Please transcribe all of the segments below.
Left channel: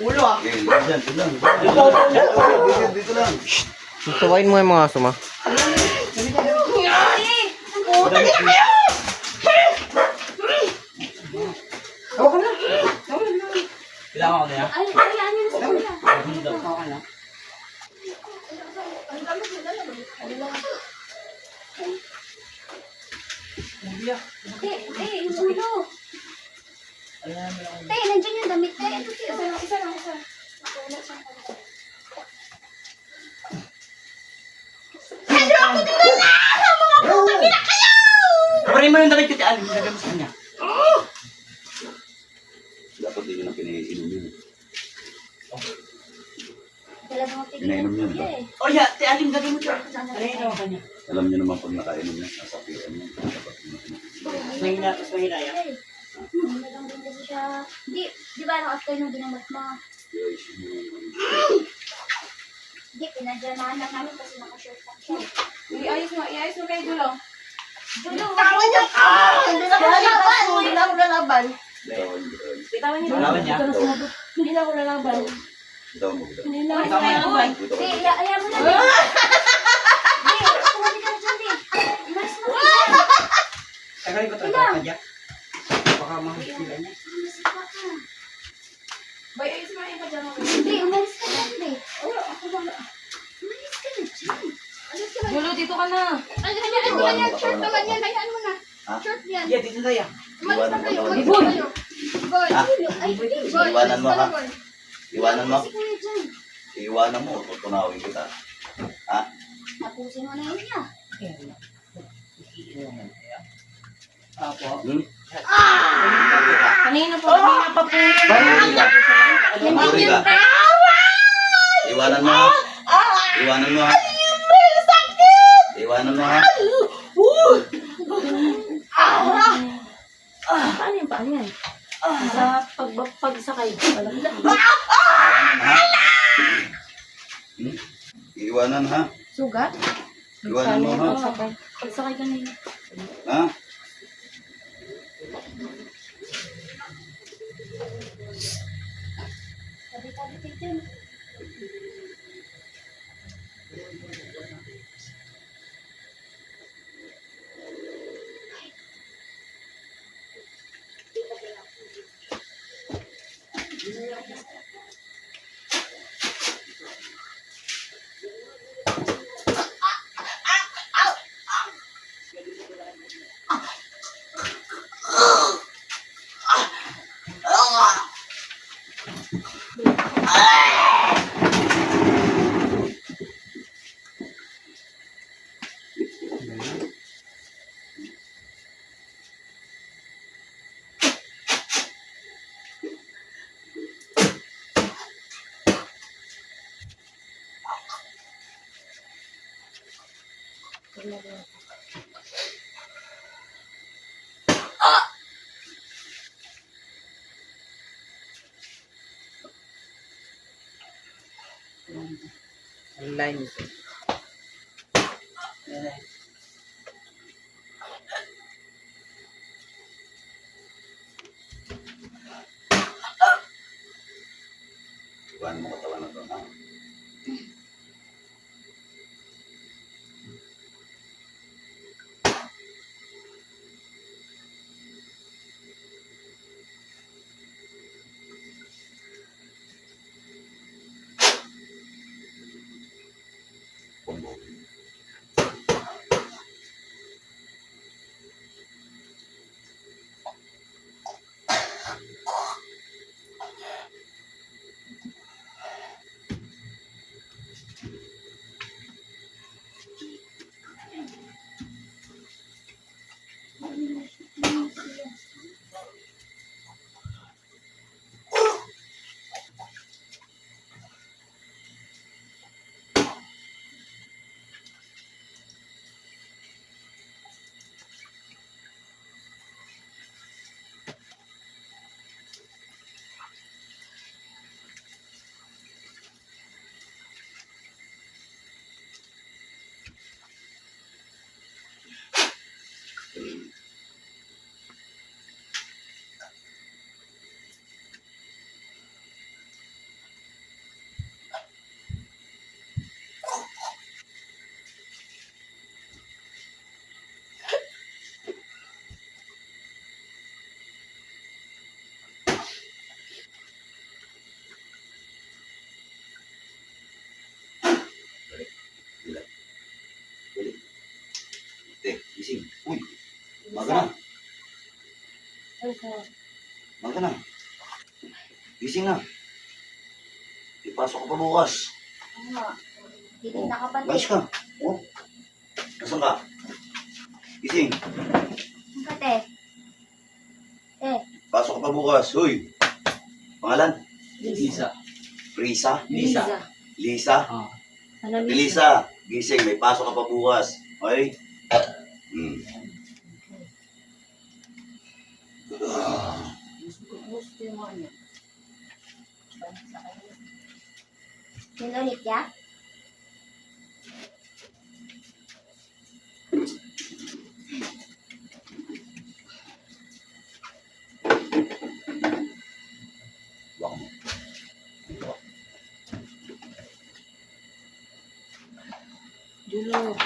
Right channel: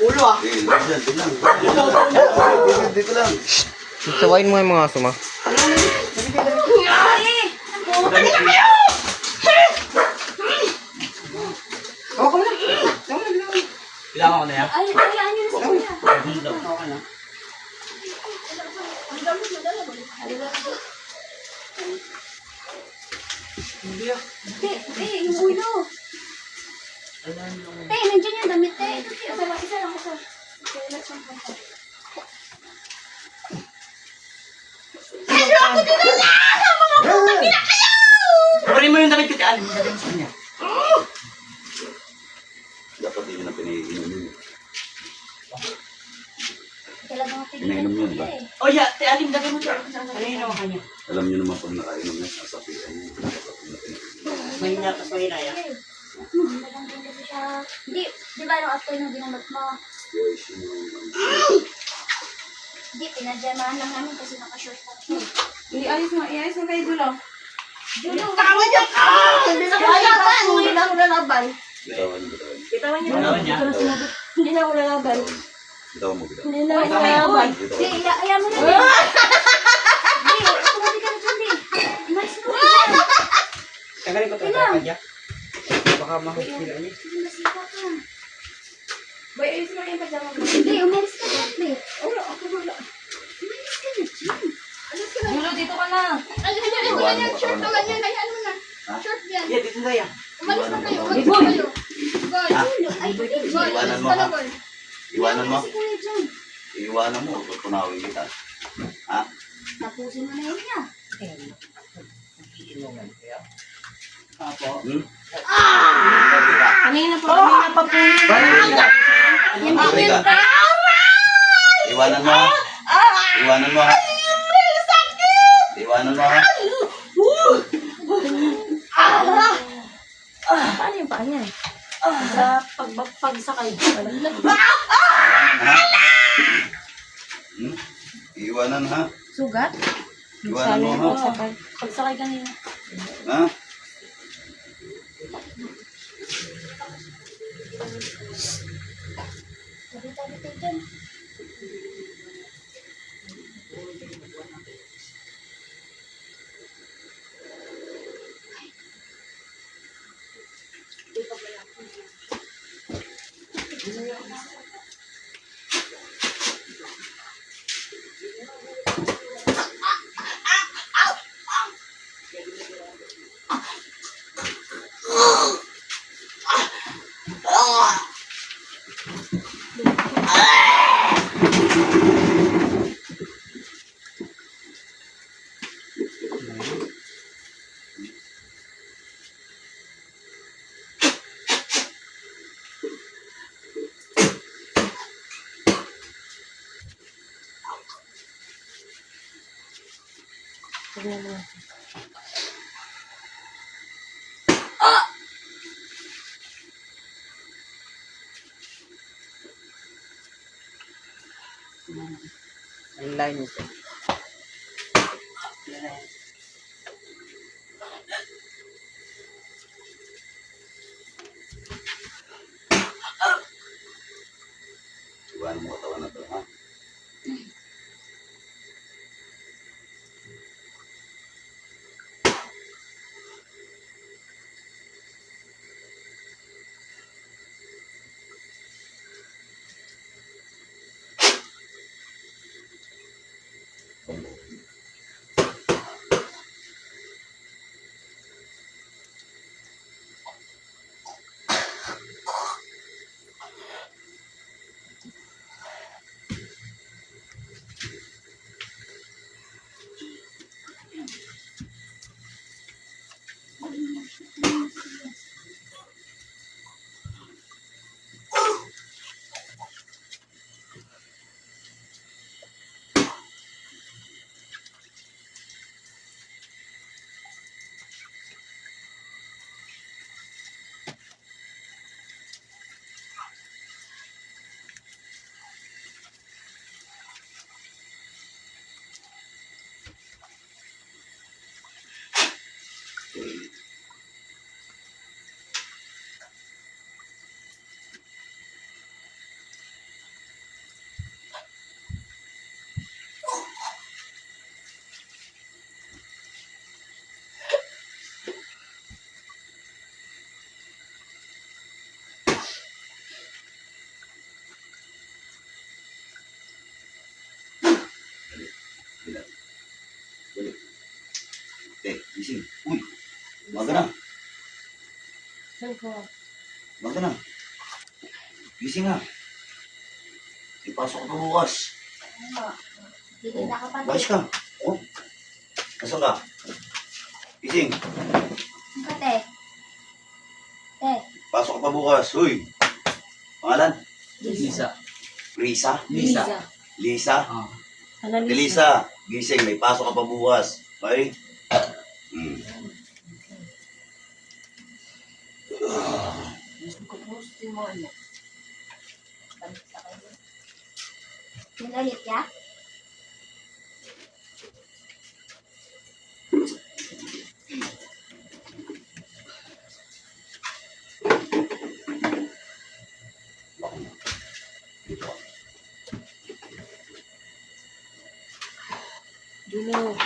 Ulo ah. Dito lang. Tawain mo yung mga aso, ma. Bilang ako na yan. Ay, hayaan nyo na sa kuya. Okay na. Te, yung ulo. Te, nandiyan yung damit. Te, ito, te. Isa lang. Wala siyang kanta. Parin mo yung damit ko, te. Alin, nilagay mo sa kanya. Dapat hindi na pinaiinom yun. Kailangan mo Pinainom yun ba? Oh, yeah, te. Alin, nilagay mo sa kanya. Ano kanya? Alam niyo naman pag nakainom niya, sasabihan niya. Dapat hindi na pinaiinom. Mahina, tapos mahina yan. Madang din kasi siya. Hindi, di ba nung after nung ginamot mo? Yes, yun. Hindi, pinadyamaan lang namin kasi naka-short pa siya. Iayos mo kayo Julo. Julo, Tawa niya ka! Hindi na ako lalaban! Hindi na ako lalaban. Bitawan niyo. Bitawan niya. Hindi na ako lalaban. Bitawan mo. Hindi na ako lalaban. Di, ayaw mo na. Di, tumati ka na dyan, di. Umalis mo na dyan. Tagalin ko Ilang? kanya. Baka mahusila niya. Masika ka. Boy, ayos mo yung pajama mo. Di, umalis ka na, di. Wala, ako wala. Umalis ka na dyan. Alis ka na. Julo, dito ka na. Ay, hayaan mo na yan. Short naman yan. Hayaan mo na. Short yan. Yeah, dito na yan. Umalis na kayo. Iwanan Umalis mo. na kayo. Boy, Julo. Ay, Boy. Iwanan mo, Umalis ka ha? na, Boy. Iwanan mo. Kasi kuya dyan. Iwanan mo. Tutunawin kita. Ha? Tapusin mo na yun niya. Apo. Hmm? Kanina pa po yun. Tuloy ka. Iwanan mo, ha? Iwanan mo, ha? Iwanan mo, ha? Paano yung paa niyan? Sa pagsakay. Ha? Hmm? Iwanan, ha? Sugat? Iwanan mo, ha? Pagsakay kanina. Ha? Tabi-tabi kayo dyan. Ang line ito. Iwanan mo katawan na to, ha? Combo. ka na. Ito. Mag ka na. Gising na. Ipasok ka pa bukas. Ano? Hindi na kapatid. Balis ka. Oh. Nasaan ka? Gising. Ang kate. Pasok ka pa bukas. Hoy. Pangalan? Lisa. Risa? Lisa. Lisa? Ah. Analisa. Lisa. Gising. May pasok ka pa bukas. Okay? Gusto yung mga anak. Yun ulit ya? Wak mo. Dito ka. Julo.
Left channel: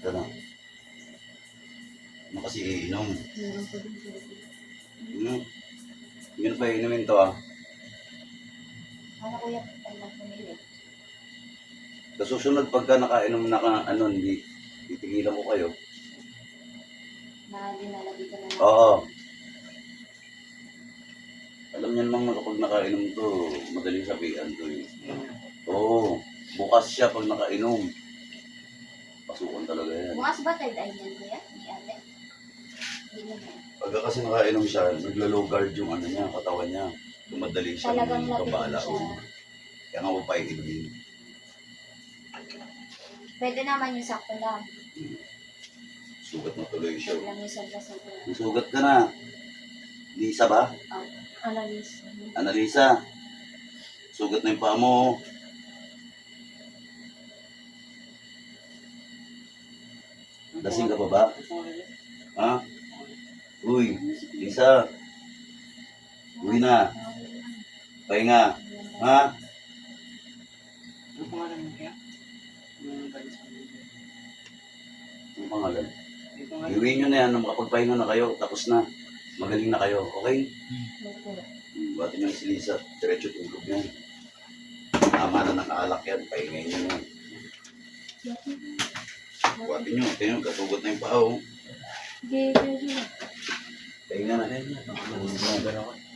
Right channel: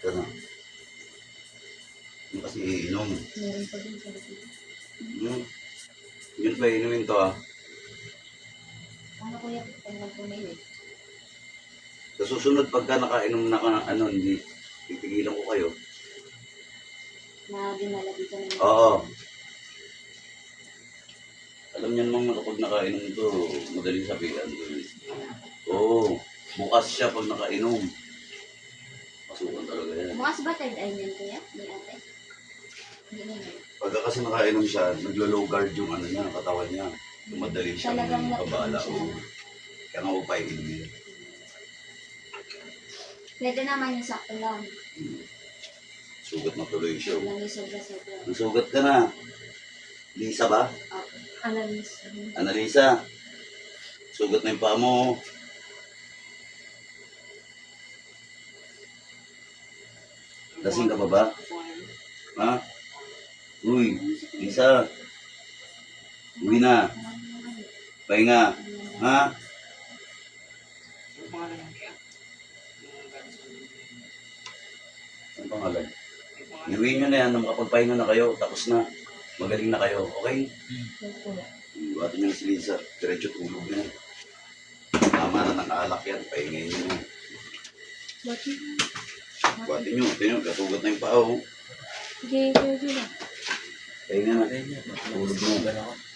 Ito na. Ano kasi iinom? Meron pa din sa likod. Yun pa iinumin to ah. Ano kuya? Ano lang pumili? Sa susunod pagka nakainom na ka ng ano, hindi titigilan ko kayo. Na dinala dito na naman. Oo. Alam niyan mga kapag nakainom to, madaling sabihan to eh. Oo. Bukas siya pag nakainom. Pasukan talaga yan. Bukas ba third eye niyan kuya? Ni ate? Hindi naman. Pagka kasi nakainom siya, naglo-low guard yung ano niya, katawan niya. Madali siya Talagang babala. natin siya. Kaya nga upay inumin. Pwede naman yung sakto lang. Sugat na tuloy siya. Lang yung sobra-sobra. Nasugat ka na. Lisa ba? Analisa. Annalisa. Sugat na yung paa mo. Lasing ka pa ba? Ha? Uy, Lisa. Uwi na. Pahinga. Ha? Ano pangalan mo kaya? Yung galing sa Biblia. Ang pangalan? Yung pangalan? Iuwi nyo na yan. Makapagpahinga na kayo. Tapos na. Magaling na kayo. Okay? Buhatin nyo na si Lisa. Diretso tulog yan. Tama na ng alak yan. Pahingay nyo yan. Bati. Buhatin nyo, tingnan, kasugat na yung paa. Oh. Sige, sige, sige. Pahinga na. Natulog mo.